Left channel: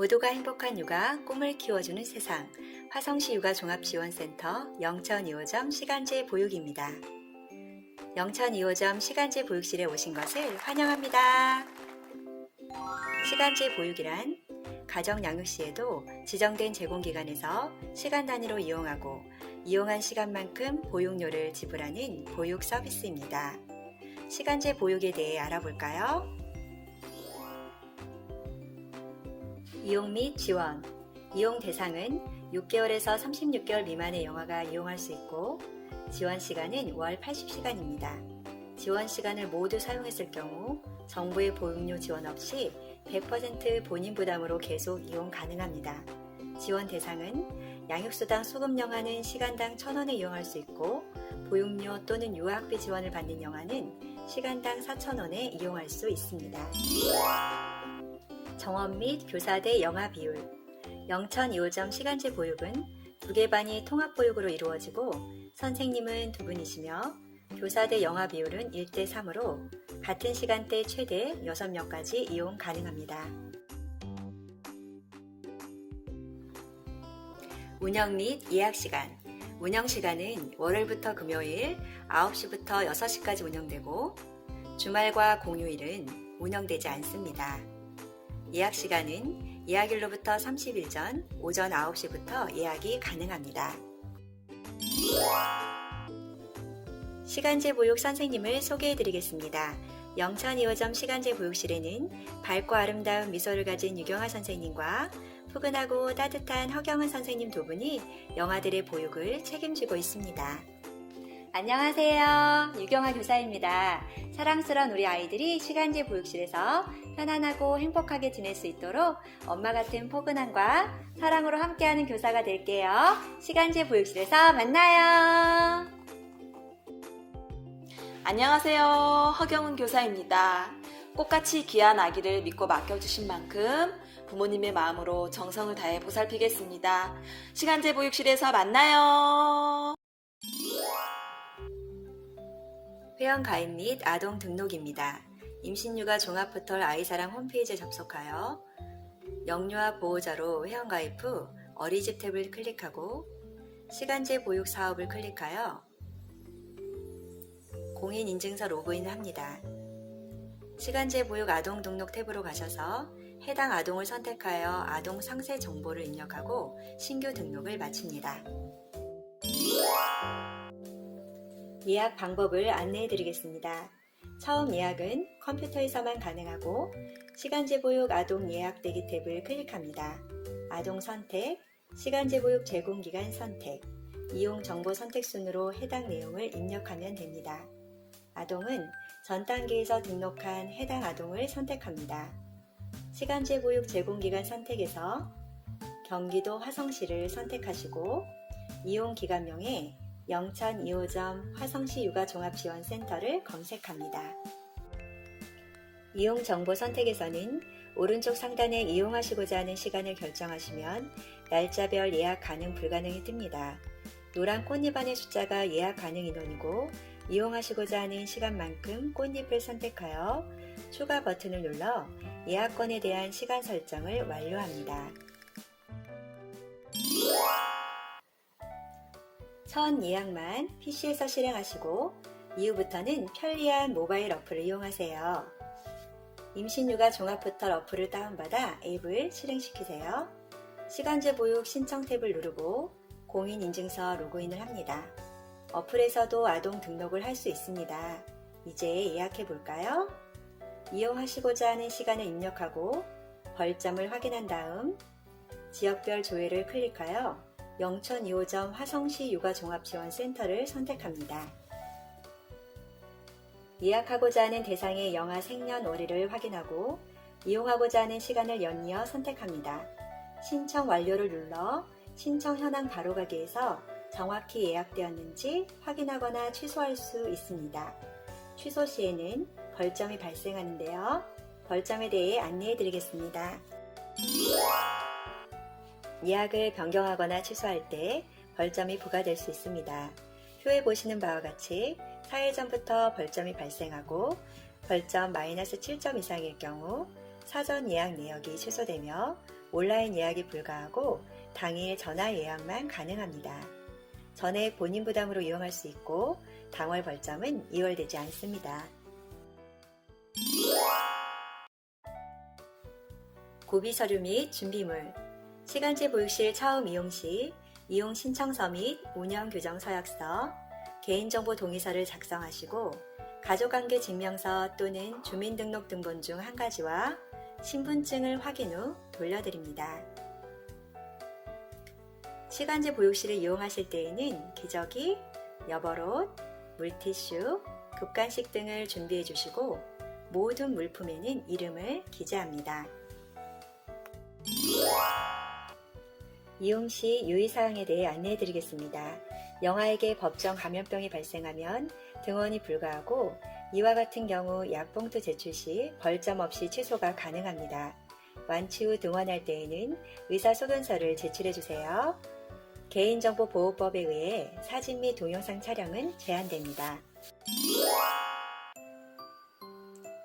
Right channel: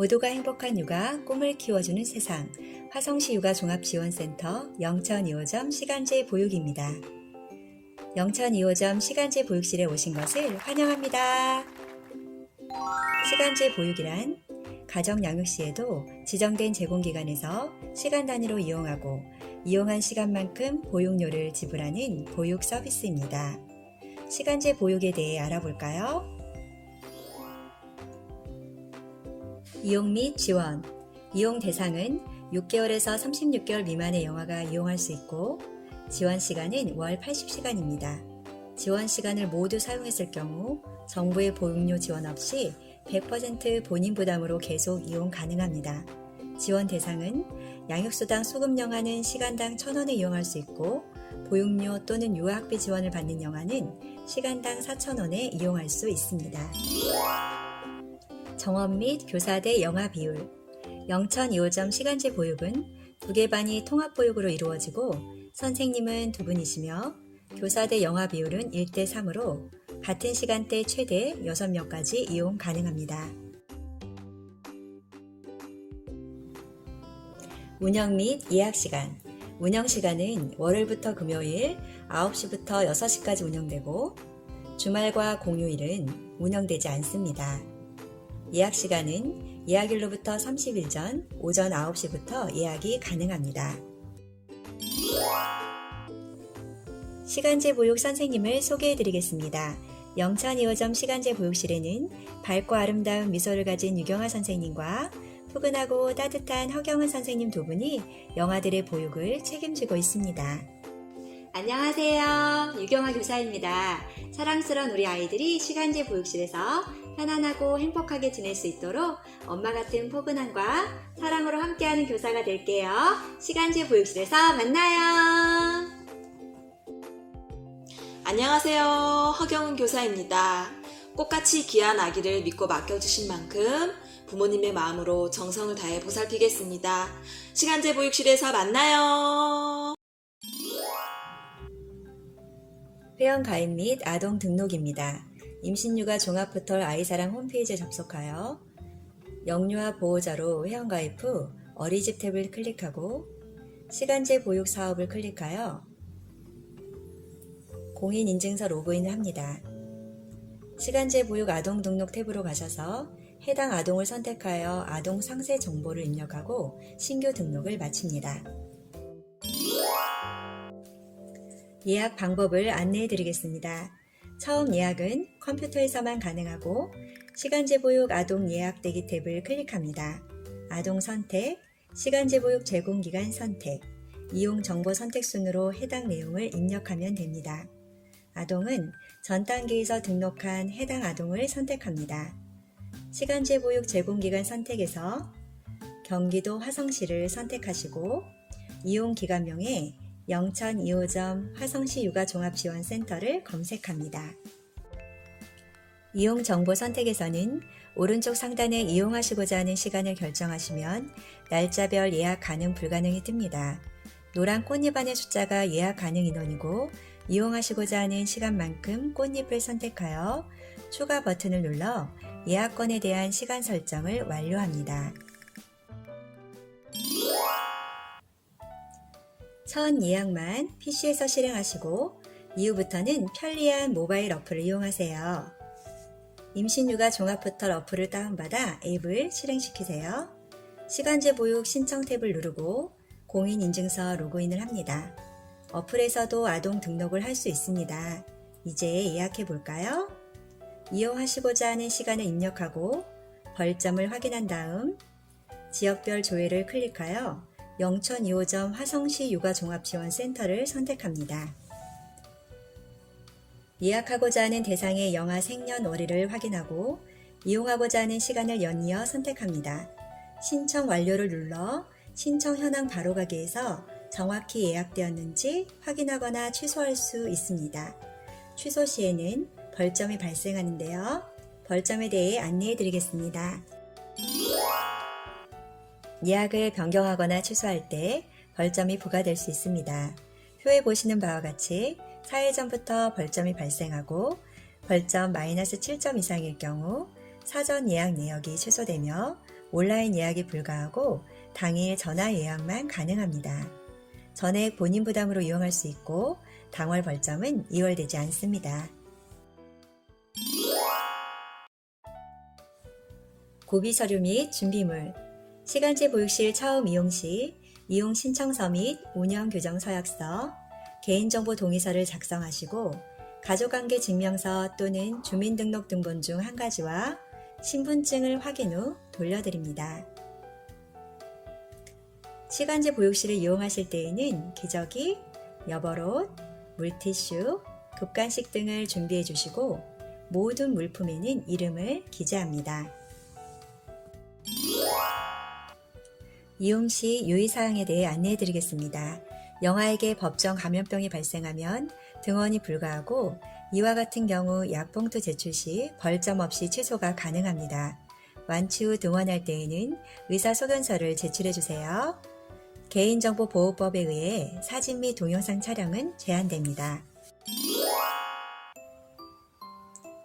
모두가 행복한 육아, 꿈을 키워주는 세상, 화성시 육아종합지원센터 영천 2호점 시간제 보육입니다. 영천 2호점 시간제 보육실에 오신 것을 환영합니다. 시간제 보육이란 가정 양육 시에도 지정된 제공기관에서 시간 단위로 이용하고 이용한 시간만큼 보육료를 지불하는 보육 서비스입니다. 시간제 보육에 대해 알아볼까요? 이용 및 지원. 이용 대상은 6개월에서 36개월 미만의 영아가 이용할 수 있고 지원 시간은 월 80시간입니다. 지원 시간을 모두 사용했을 경우 정부의 보육료 지원 없이 100% 본인 부담으로 계속 이용 가능합니다. 지원 대상은 양육수당 수급 영아는 시간당 1,000원에 이용할 수 있고 보육료 또는 유아학비 지원을 받는 영아는 시간당 4,000원에 이용할 수 있습니다. 정원 및 교사 대 영아 비율. 영천 2호점 시간제 보육은 2개 반이 통합보육으로 이루어지고 선생님은 2분이시며 교사 대 영아 비율은 1대3으로 같은 시간대 최대 6명까지 이용 가능합니다. 운영 및 예약 시간. 운영 시간은 월요일부터 금요일 9시부터 6시까지 운영되고 주말과 공휴일은 운영되지 않습니다. 예약 시간은 예약일로부터 30일 전 오전 9시부터 예약이 가능합니다. 시간제 보육 선생님을 소개해드리겠습니다. 영천 2호점 시간제 보육실에는 밝고 아름다운 미소를 가진 유경아 선생님과 푸근하고 따뜻한 허경은 선생님 2분이 영아들의 보육을 책임지고 있습니다. 안녕하세요. 유경아 교사입니다. 사랑스러운 우리 아이들이 시간제 보육실에서 편안하고 행복하게 지낼 수 있도록 엄마 같은 포근함과 사랑으로 함께하는 교사가 될게요. 시간제 보육실에서 만나요. 안녕하세요. 허경은 교사입니다. 꽃같이 귀한 아기를 믿고 맡겨주신 만큼 부모님의 마음으로 정성을 다해 보살피겠습니다. 시간제 보육실에서 만나요. 회원 가입 및 아동 등록입니다. 임신육아 종합포털 아이사랑 홈페이지에 접속하여 영유아 보호자로 회원 가입 후 어린이집 탭을 클릭하고 시간제 보육 사업을 클릭하여 공인인증서 로그인을 합니다. 시간제 보육 아동 등록 탭으로 가셔서 해당 아동을 선택하여 아동 상세 정보를 입력하고 신규 등록을 마칩니다. 예약 방법을 안내해 드리겠습니다. 처음 예약은 컴퓨터에서만 가능하고 시간제 보육 아동 예약 대기 탭을 클릭합니다. 아동 선택, 시간제 보육 제공기간 선택, 이용 정보 선택 순으로 해당 내용을 입력하면 됩니다. 아동은 전 단계에서 등록한 해당 아동을 선택합니다. 시간제 보육 제공기간 선택에서 경기도 화성시를 선택하시고 이용기관명에 영천 2호점 화성시 육아종합지원센터를 검색합니다. 이용정보 선택에서는 오른쪽 상단에 이용하시고자 하는 시간을 결정하시면 날짜별 예약 가능 불가능이 뜹니다. 노란 꽃잎 안의 숫자가 예약 가능 인원이고 이용하시고자 하는 시간만큼 꽃잎을 선택하여 추가 버튼을 눌러 예약권에 대한 시간 설정을 완료합니다. 첫 예약만 PC에서 실행하시고 이후부터는 편리한 모바일 어플을 이용하세요. 임신육아 종합포털 어플을 다운받아 앱을 실행시키세요. 시간제 보육 신청 탭을 누르고 공인인증서 로그인을 합니다. 어플에서도 아동 등록을 할 수 있습니다. 이제 예약해 볼까요? 이용하시고자 하는 시간을 입력하고 벌점을 확인한 다음 지역별 조회를 클릭하여 영천 2호점 화성시 육아종합지원센터를 선택합니다. 예약하고자 하는 대상의 영아 생년월일을 확인하고 이용하고자 하는 시간을 연이어 선택합니다. 신청 완료를 눌러 신청 현황 바로가기에서 정확히 예약되었는지 확인하거나 취소할 수 있습니다. 취소 시에는 벌점이 발생하는데요. 벌점에 대해 안내해 드리겠습니다. 예약을 변경하거나 취소할 때 벌점이 부과될 수 있습니다. 표에 보시는 바와 같이 4일 전부터 벌점이 발생하고 벌점 -7점 이상일 경우 사전 예약 내역이 취소되며 온라인 예약이 불가하고 당일 전화 예약만 가능합니다. 전액 본인 부담으로 이용할 수 있고 당월 벌점은 이월되지 않습니다. 고비 서류 및 준비물, 시간제 보육실 처음 이용 시 이용 신청서 및 운영 규정 서약서, 개인정보 동의서를 작성하시고 가족관계 증명서 또는 주민등록등본 중 한 가지와 신분증을 확인 후 돌려드립니다. 시간제 보육실을 이용하실 때에는 기저귀, 여벌옷, 물티슈, 급간식 등을 준비해 주시고 모든 물품에는 이름을 기재합니다. 이용 시 유의사항에 대해 안내해 드리겠습니다. 영아에게 법정 감염병이 발생하면 등원이 불가하고 이와 같은 경우 약봉투 제출 시 벌점 없이 취소가 가능합니다. 완치 후 등원할 때에는 의사소견서를 제출해 주세요. 개인정보보호법에 의해 사진 및 동영상 촬영은 제한됩니다.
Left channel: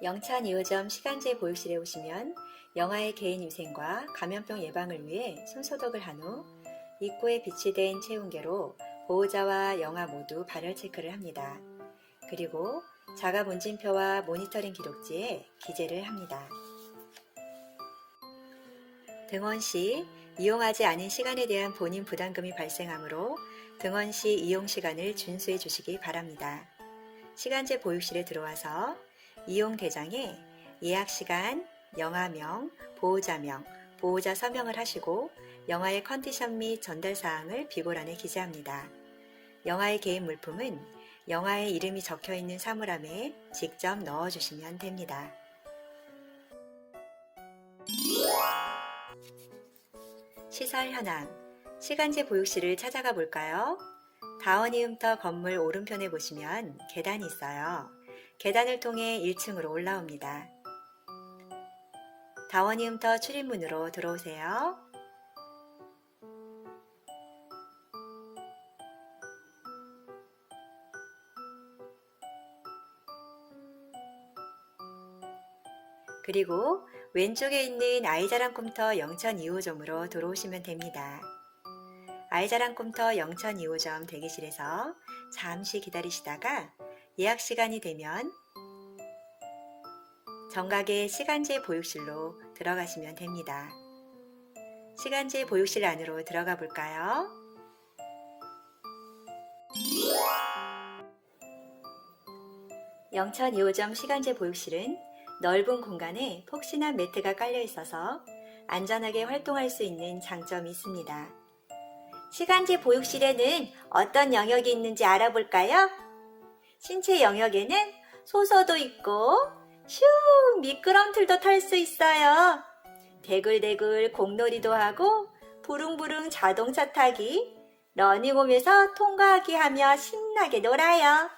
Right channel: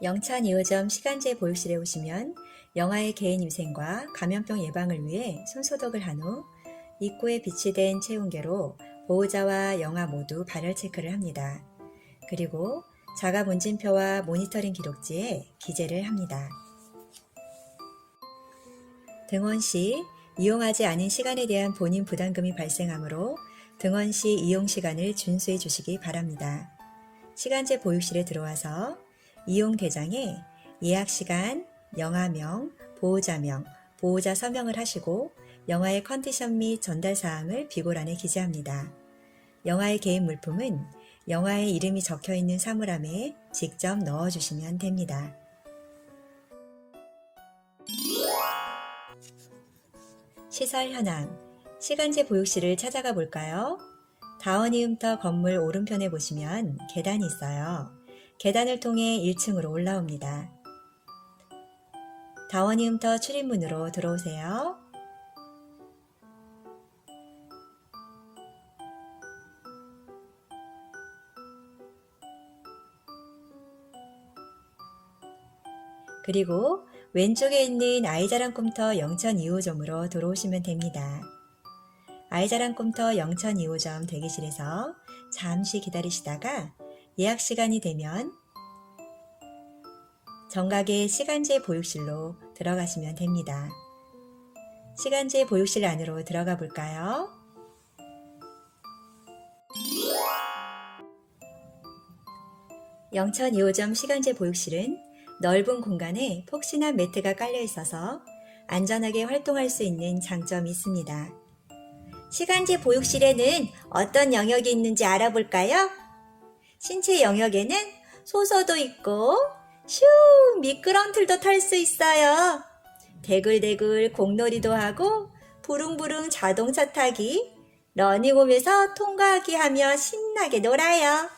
영천 2호점 시간제 보육실에 오시면 영아의 개인위생과 감염병 예방을 위해 손소독을 한 후 입구에 비치된 체온계로 보호자와 영아 모두 발열 체크를 합니다. 그리고 자가 문진표와 모니터링 기록지에 기재를 합니다. 등원 시 이용하지 않은 시간에 대한 본인 부담금이 발생하므로 등원 시 이용 시간을 준수해 주시기 바랍니다. 시간제 보육실에 들어와서 이용 대장에 예약 시간, 영아명, 보호자명, 보호자 서명을 하시고 영아의 컨디션 및 전달 사항을 비고란에 기재합니다. 영아의 개인 물품은 영아의 이름이 적혀 있는 사물함에 직접 넣어주시면 됩니다. 시설 현황, 시간제 보육실을 찾아가 볼까요? 다원이움터 건물 오른편에 보시면 계단이 있어요. 계단을 통해 1층으로 올라옵니다. 다원이움터 출입문으로 들어오세요. 그리고 왼쪽에 있는 아이자랑 꿈터 영천 2호점으로 들어오시면 됩니다. 아이자랑 꿈터 영천 2호점 대기실에서 잠시 기다리시다가 예약 시간이 되면 정각의 시간제 보육실로 들어가시면 됩니다. 시간제 보육실 안으로 들어가 볼까요? 영천 2호점 시간제 보육실은 넓은 공간에 폭신한 매트가 깔려 있어서 안전하게 활동할 수 있는 장점이 있습니다. 시간제 보육실에는 어떤 영역이 있는지 알아볼까요? 신체 영역에는 소서도 있고 슈 미끄럼틀도 탈 수 있어요. 대굴대굴 공놀이도 하고 부릉부릉 자동차 타기, 러닝홈에서 통과하기 하며 신나게 놀아요.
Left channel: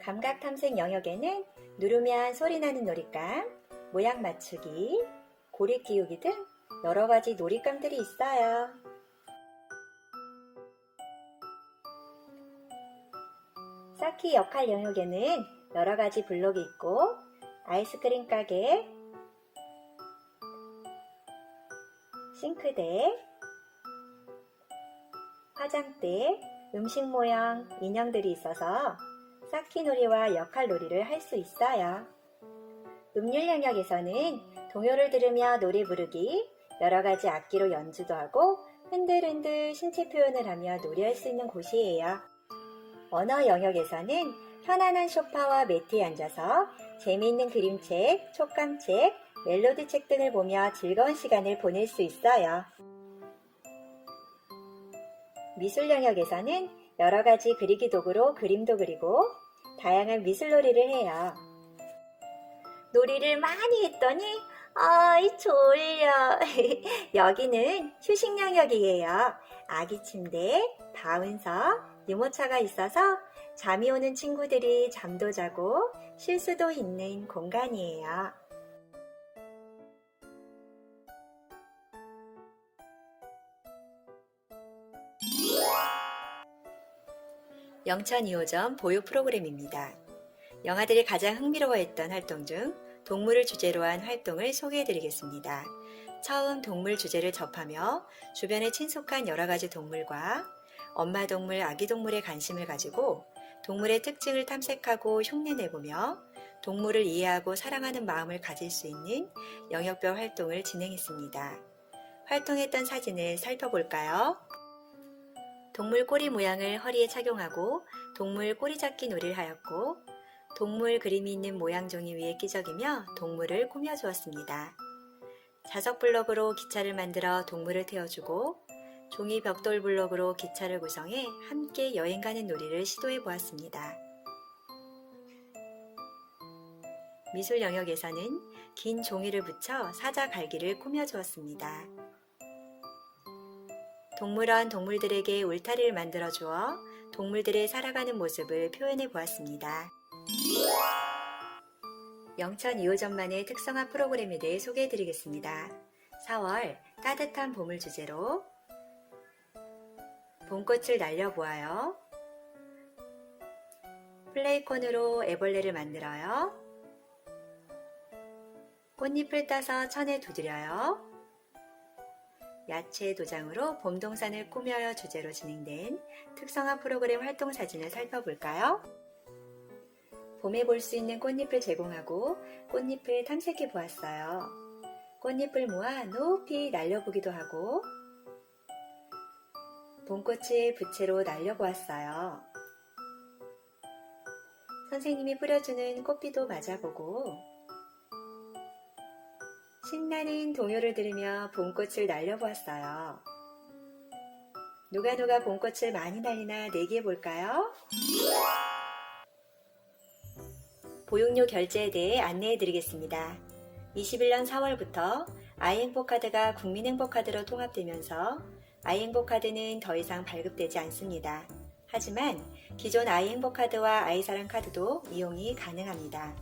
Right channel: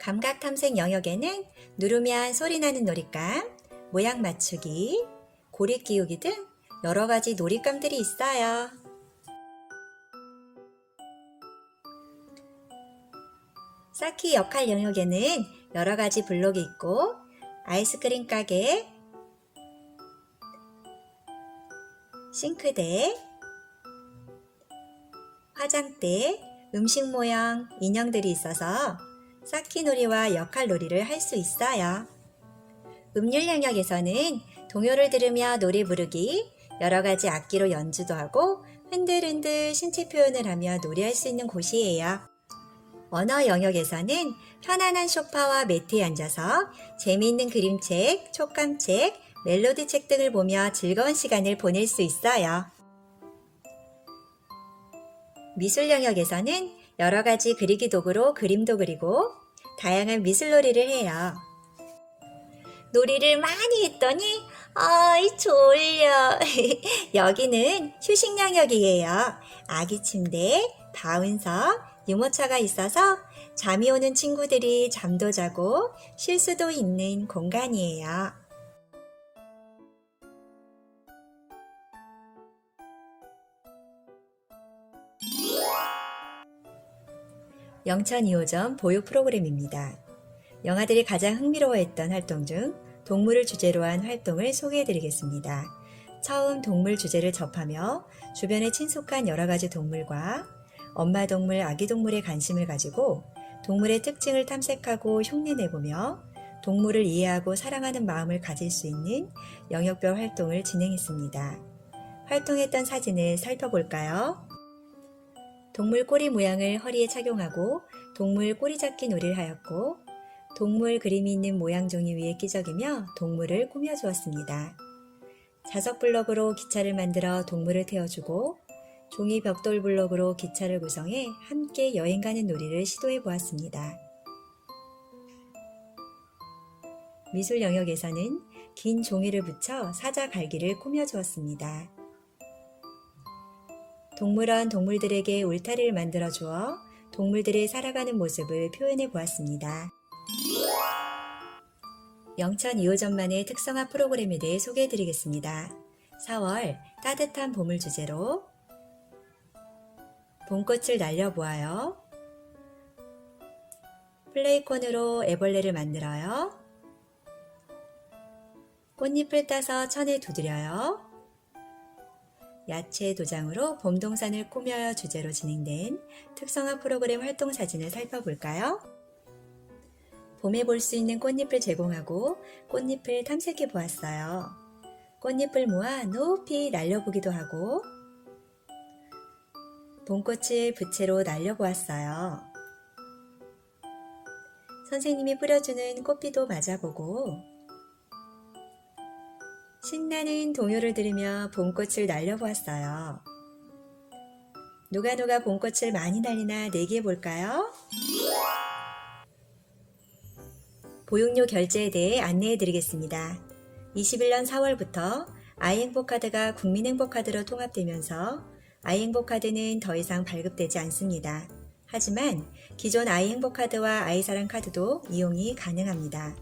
감각 탐색 영역에는 누르면 소리나는 놀잇감, 모양 맞추기, 고리 끼우기 등 여러 가지 놀잇감들이 있어요. 쌓기 역할 영역에는 여러 가지 블록이 있고 아이스크림 가게, 싱크대, 화장대, 음식 모양, 인형들이 있어서 쌓기놀이와 역할놀이를 할 수 있어요. 음률 영역에서는 동요를 들으며 노래 부르기, 여러 가지 악기로 연주도 하고 흔들흔들 신체 표현을 하며 놀이할 수 있는 곳이에요. 언어 영역에서는 편안한 소파와 매트에 앉아서 재미있는 그림책, 촉감책, 멜로디책 등을 보며 즐거운 시간을 보낼 수 있어요. 미술 영역에서는 여러 가지 그리기 도구로 그림도 그리고 다양한 미술놀이를 해요. 놀이를 많이 했더니 어이 졸려. 여기는 휴식 영역이에요. 아기 침대, 바운서, 유모차가 있어서 잠이 오는 친구들이 잠도 자고 쉴 수도 있는 공간이에요. 영천 2호점 보육 프로그램입니다. 영아들이 가장 흥미로워했던 활동 중 동물을 주제로 한 활동을 소개해드리겠습니다. 처음 동물 주제를 접하며 주변에 친숙한 여러 가지 동물과 엄마 동물, 아기 동물에 관심을 가지고 동물의 특징을 탐색하고 흉내내보며 동물을 이해하고 사랑하는 마음을 가질 수 있는 영역별 활동을 진행했습니다. 활동했던 사진을 살펴볼까요? 동물 꼬리 모양을 허리에 착용하고 동물 꼬리 잡기 놀이를 하였고 동물 그림이 있는 모양 종이 위에 끼적이며 동물을 꾸며주었습니다. 자석 블럭으로 기차를 만들어 동물을 태워주고 종이 벽돌 블럭으로 기차를 구성해 함께 여행 가는 놀이를 시도해 보았습니다. 미술 영역에서는 긴 종이를 붙여 사자 갈기를 꾸며주었습니다. 동물원 동물들에게 울타리를 만들어 주어 동물들의 살아가는 모습을 표현해 보았습니다. 영천 2호점만의 특성화 프로그램에 대해 소개해 드리겠습니다. 4월 따뜻한 봄을 주제로 봄꽃을 날려보아요. 플레이콘으로 애벌레를 만들어요. 꽃잎을 따서 천에 두드려요. 야채 도장으로 봄동산을 꾸며요 주제로 진행된 특성화 프로그램 활동 사진을 살펴볼까요? 봄에 볼 수 있는 꽃잎을 제공하고 꽃잎을 탐색해 보았어요. 꽃잎을 모아 높이 날려보기도 하고 봄꽃을 부채로 날려보았어요. 선생님이 뿌려주는 꽃비도 맞아보고 신나는 동요를 들으며 봄꽃을 날려보았어요. 누가 봄꽃을 많이 날리나 내기해 볼까요? 보육료 결제에 대해 안내해 드리겠습니다. 21년 4월부터 아이행복카드가 국민행복카드로 통합되면서 아이행복카드는 더 이상 발급되지 않습니다. 하지만 기존 아이행복카드와 아이사랑카드도 이용이 가능합니다.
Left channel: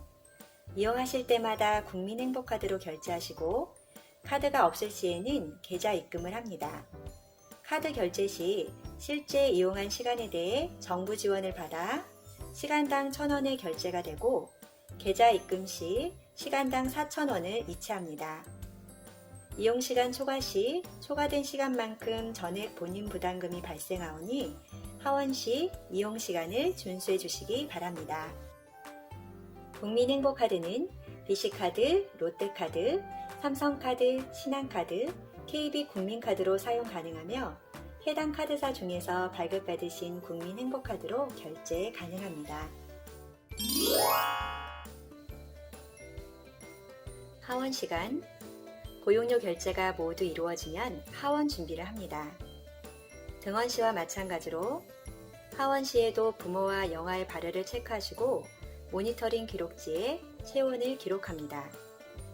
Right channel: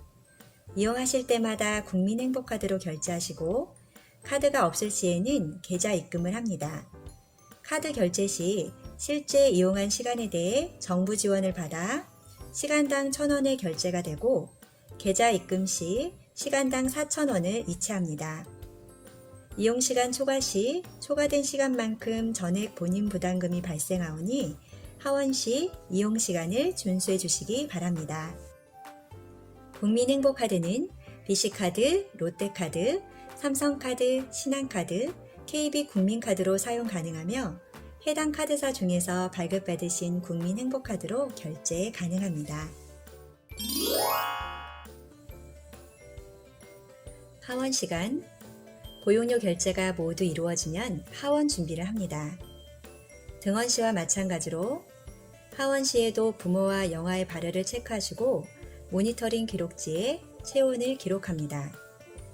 이용하실 때마다 국민행복카드로 결제하시고 카드가 없을 시에는 계좌 입금을 합니다. 카드 결제 시 실제 이용한 시간에 대해 정부 지원을 받아 시간당 1,000원의 결제가 되고 계좌 입금 시 시간당 4,000원을 이체합니다. 이용시간 초과 시 초과된 시간만큼 전액 본인 부담금이 발생하오니 하원 시 이용시간을 준수해 주시기 바랍니다. 국민행복카드는 BC카드, 롯데카드, 삼성카드, 신한카드, KB국민카드로 사용 가능하며 해당 카드사 중에서 발급받으신 국민행복카드로 결제 가능합니다. 하원 시간 보육료 결제가 모두 이루어지면 하원 준비를 합니다. 등원 시와 마찬가지로 하원 시에도 부모와 영아의 발열을 체크하시고 모니터링 기록지에 체온을 기록합니다.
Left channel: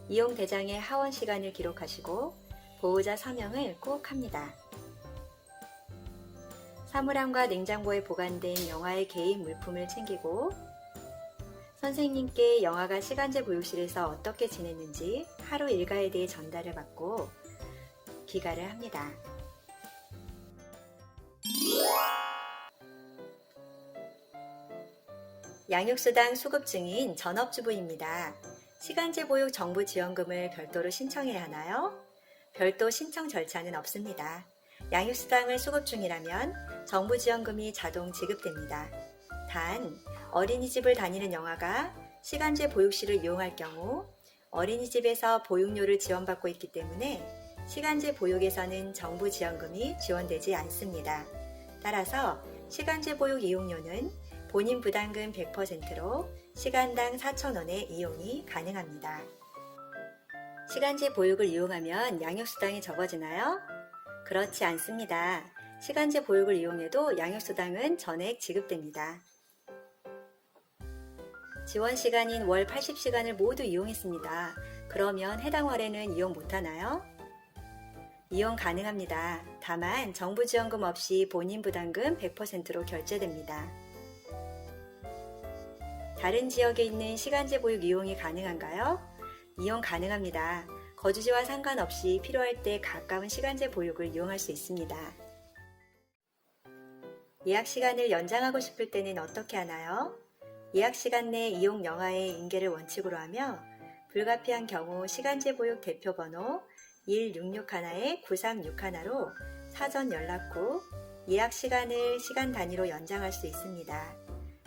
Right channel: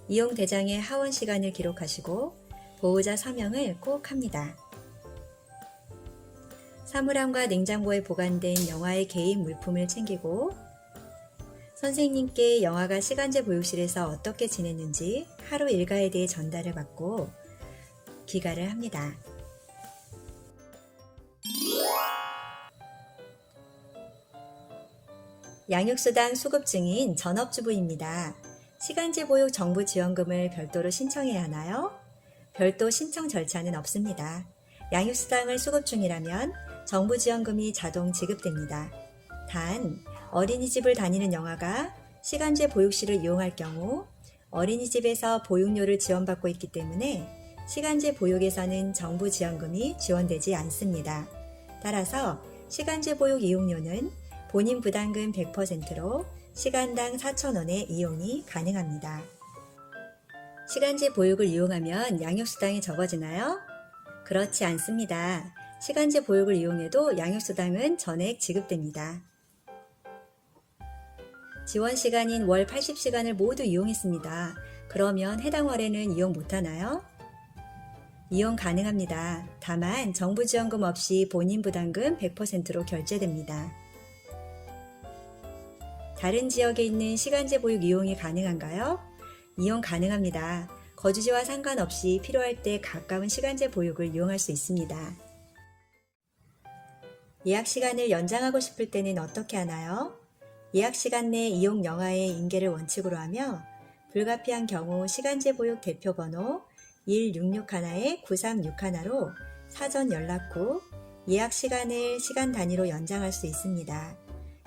이용 대장의 하원 시간을 기록하시고 보호자 서명을 꼭 합니다. 사물함과 냉장고에 보관된 영아의 개인 물품을 챙기고 선생님께 영아가 시간제 보육실에서 어떻게 지냈는지 하루 일과에 대해 전달을 받고 귀가를 합니다. 양육수당 수급 중인 전업주부입니다. 시간제 보육 정부 지원금을 별도로 신청해야 하나요? 별도 신청 절차는 없습니다. 양육수당을 수급 중이라면 정부 지원금이 자동 지급됩니다. 단, 어린이집을 다니는 영아가 시간제 보육실을 이용할 경우 어린이집에서 보육료를 지원받고 있기 때문에 시간제 보육에서는 정부 지원금이 지원되지 않습니다. 따라서 시간제 보육 이용료는 본인 부담금 100%로 시간당 4,000원의 이용이 가능합니다. 시간제 보육을 이용하면 양육수당이 적어지나요? 그렇지 않습니다. 시간제 보육을 이용해도 양육수당은 전액 지급됩니다. 지원 시간인 월 80시간을 모두 이용했습니다. 그러면 해당 월에는 이용 못하나요? 이용 가능합니다. 다만 정부 지원금 없이 본인 부담금 100%로 결제됩니다. 다른 지역에 있는 시간제 보육 이용이 가능한가요? 이용 가능합니다. 거주지와 상관없이 필요할 때 가까운 시간제 보육을 이용할 수 있습니다. 예약 시간을 연장하고 싶을 때는 어떻게 하나요? 예약 시간 내 이용 영화의 인계를 원칙으로 하며 불가피한 경우 시간제 보육 대표번호 1661-9361로 사전 연락 후 예약 시간을 시간 단위로 연장할 수 있습니다.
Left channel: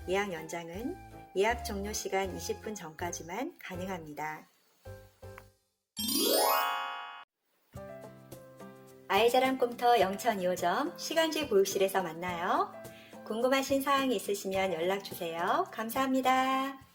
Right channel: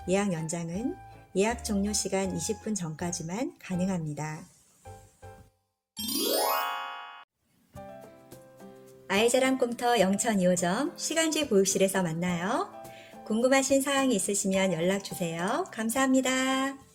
예약 연장은 예약 종료 시간 20분 전까지만 가능합니다. 아이자랑 꼼터 영천 2호점 시간제 보육실에서 만나요. 궁금하신 사항이 있으시면 연락 주세요. 감사합니다.